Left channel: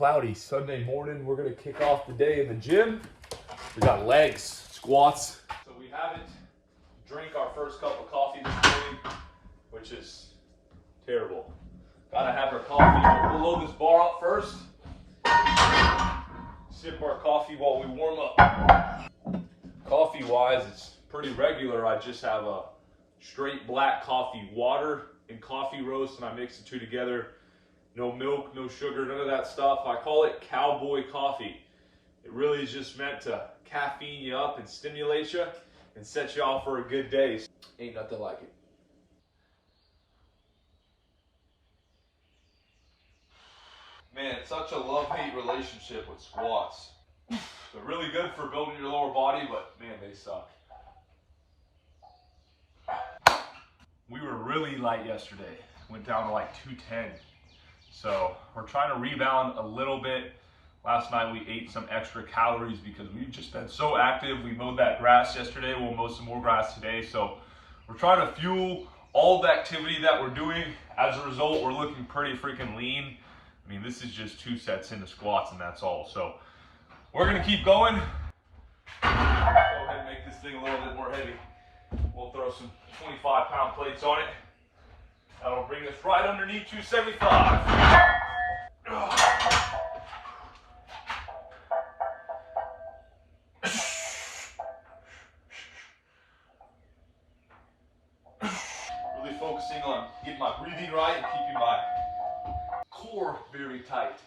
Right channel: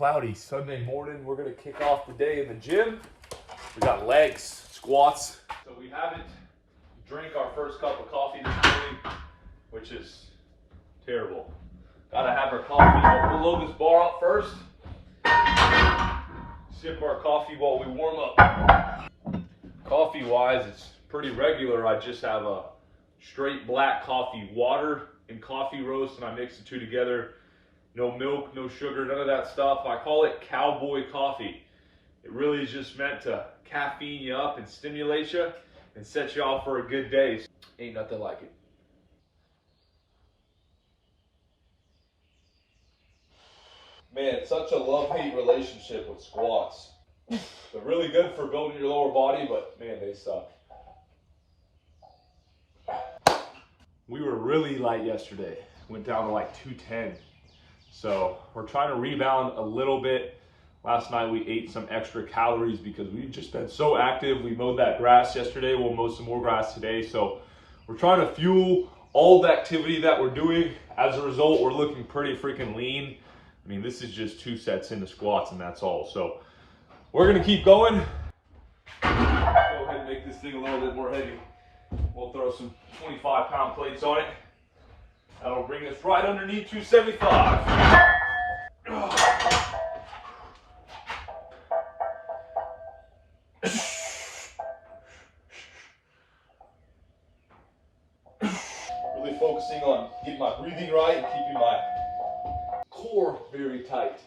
cloudy Sunday morning. We're gonna kick off the day in the gym. We got legs, squats. So we haven't drank our first cup of coffee this morning, which is terrible. Gotta have our coffee. We'll load this bar up first. Sip our coffee while we warm up. Coffee wise, it's pretty regular. I just have a straight black coffee, water and coffee roast, and I mix the two together. No milk, no sugar, none of that stuff. I call it cowboy coffee. It really is just meant to caffeine you up and stimulate you and set you off for a good day. Ain't nothing like it. Man, it's such a love-hate relationship with squats. They're really good for building your lower body, but man, they suck. We were really light yesterday. Went down to like 210. So we're trying to rebound a little bit. Last night we ate some extra calories because we've just been so active. We mowed that grass yesterday. We'll mow some more grass today. So we're trying to fuel all the activity that we're doing. As a result, we're looking pretty freaking lean. I mean, this is just 2 sets into squats and that's all. So we're gonna keep going. Let's go ahead and make this thing a little bit more heavy. We'll throw some 25-pound plates on it. That'll bring us right underneath 275. Really focusing on getting my breathing right and keeping my core very tight.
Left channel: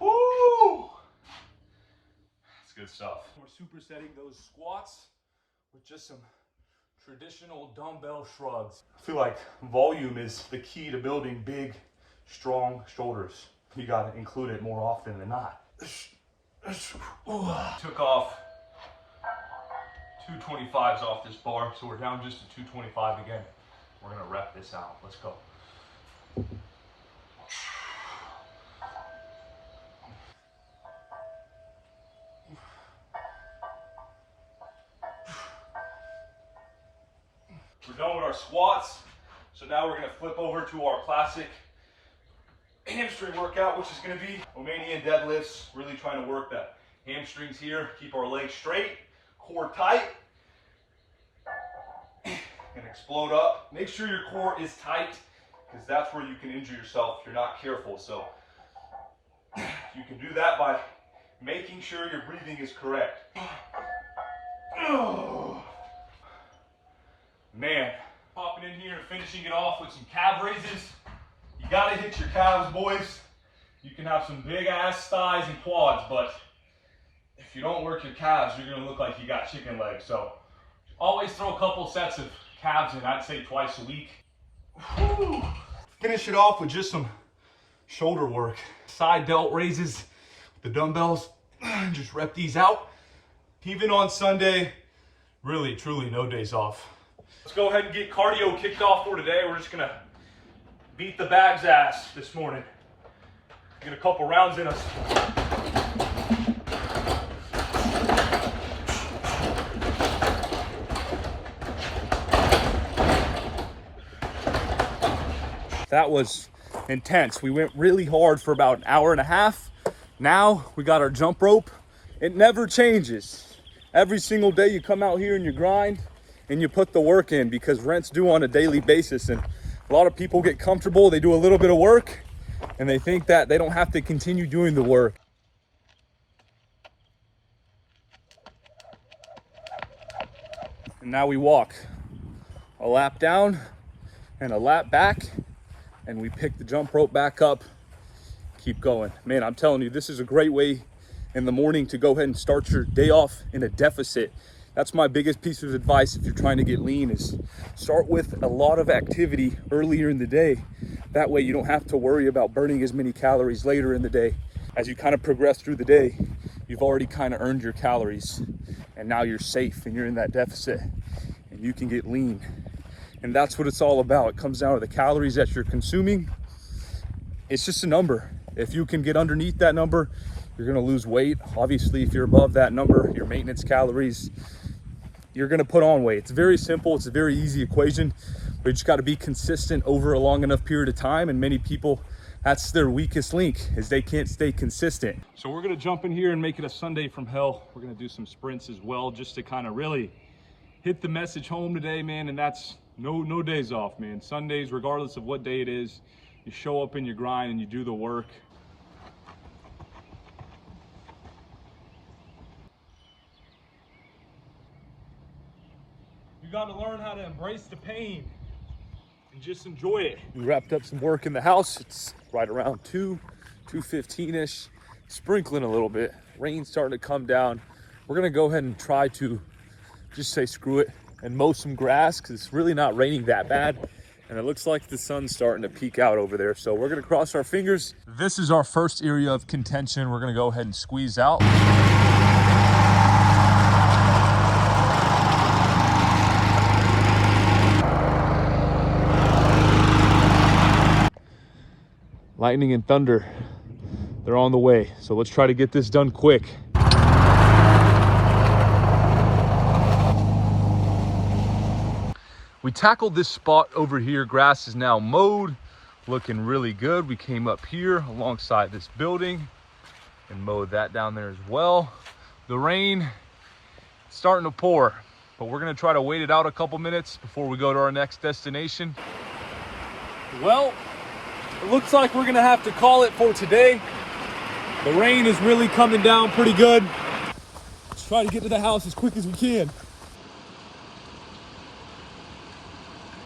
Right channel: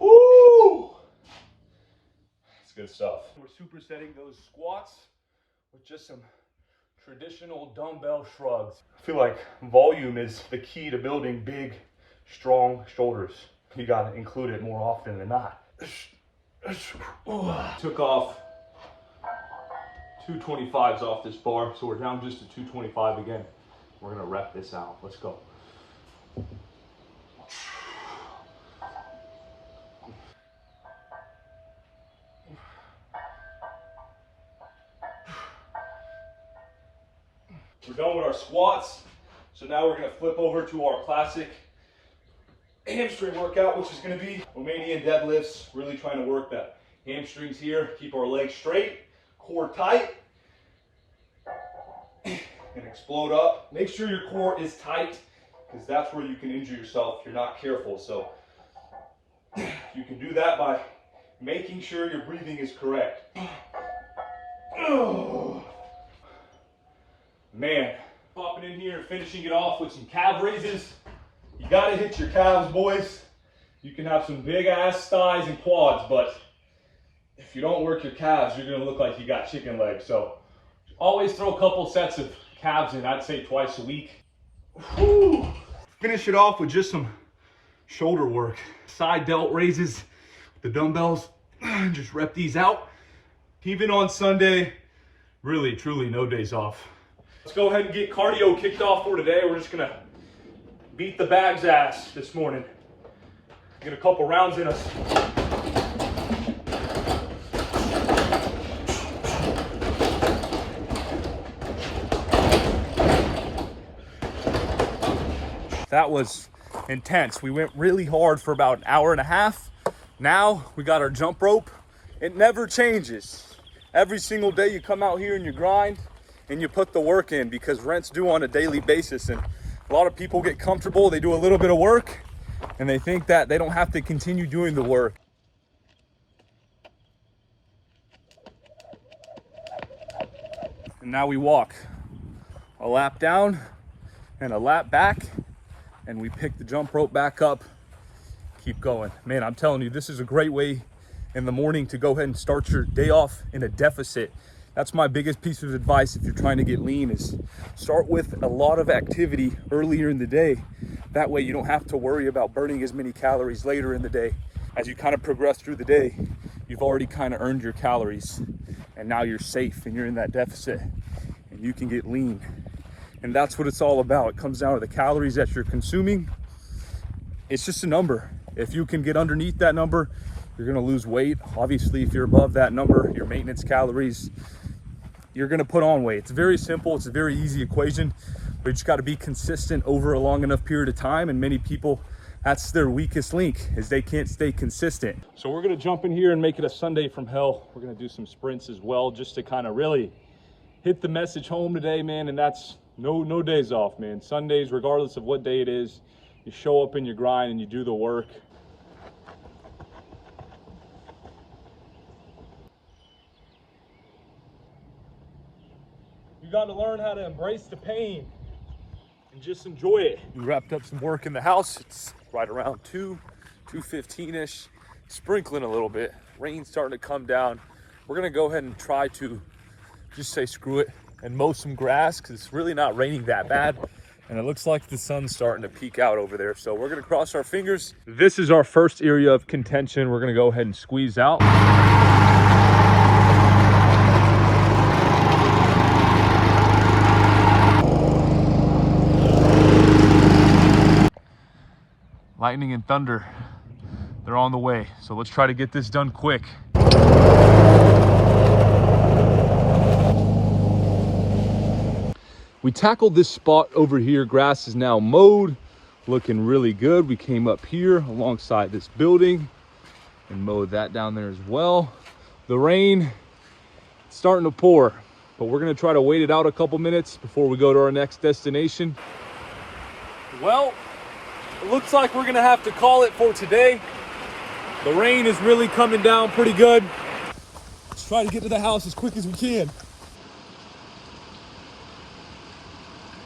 Woo! That's good stuff. We're supersetting those squats with just some traditional dumbbell shrugs. I feel like volume is the key to building big, strong shoulders. You gotta include it more often than not. Took off 225s off this bar, so we're down just to 225 again. We're gonna rep this out. Let's go. We're done with our squats, so now we're gonna flip over to our classic hamstring workout, which is gonna be Romanian deadlifts. Really trying to work the hamstrings here, keep our legs straight, core tight, and explode up. Make sure your core is tight, because that's where you can injure yourself if you're not careful. So you can do that by making sure your breathing is correct. Man, popping in here and finishing it off with some calf raises. You gotta hit your calves, boys. You can have some big ass thighs and quads, but if you don't work your calves, you're gonna look like you got chicken legs. So always throw a couple sets of calves in, I'd say twice a week. Whew. Finish it off with just some shoulder work. Side delt raises with the dumbbells. Just rep these out. Even on Sunday, really, truly no days off. Let's go ahead and get cardio kicked off for today. We're just gonna beat the bag's ass this morning. Get a couple rounds in us. That was intense. We went really hard for about an hour and a half. Now we got our jump rope. It never changes. Every single day you come out here and you grind and you put the work in, because rent's due on a daily basis. And a lot of people get comfortable, they do a little bit of work and they think that they don't have to continue doing the work. And now we walk a lap down and a lap back, and we pick the jump rope back up, keep going. Man, I'm telling you, this is a great way in the morning to go ahead and start your day off in a deficit. That's my biggest piece of advice if you're trying to get lean, is start with a lot of activity earlier in the day. That way you don't have to worry about burning as many calories later in the day. As you kind of progress through the day, you've already kind of earned your calories, and now you're safe and you're in that deficit and you can get lean. And that's what it's all about. It comes down to the calories that you're consuming. It's just a number. If you can get underneath that number, you're gonna lose weight. Obviously, if you're above that number, your maintenance calories, you're gonna put on weight. It's very simple, it's a very easy equation, but you just gotta be consistent over a long enough period of time, and many people, that's their weakest link, is they can't stay consistent. So we're gonna jump in here and make it a Sunday from hell. We're gonna do some sprints as well, just to kind of really hit the message home today, man, and that's no days off, man. Sundays, regardless of what day it is, you show up in your grind and you do the work. You got to learn how to embrace the pain and just enjoy it. We wrapped up some work in the house. It's right around 2:15-ish, sprinkling a little bit. Rain's starting to come down. We're gonna go ahead and try to just say screw it and mow some grass, because it's really not raining that bad. And it looks like the sun's starting to peek out over there. So we're gonna cross our fingers. This is our first area of contention. We're gonna go ahead and squeeze out. Lightning and thunder, they're on the way. So let's try to get this done quick. We tackled this spot over here. Grass is now mowed, looking really good. We came up here alongside this building and mowed that down there as well. The rain is starting to pour, but we're gonna try to wait it out a couple minutes before we go to our next destination. Well, it looks like we're gonna have to call it for today. The rain is really coming down pretty good. Let's try to get to the house as quick as we can.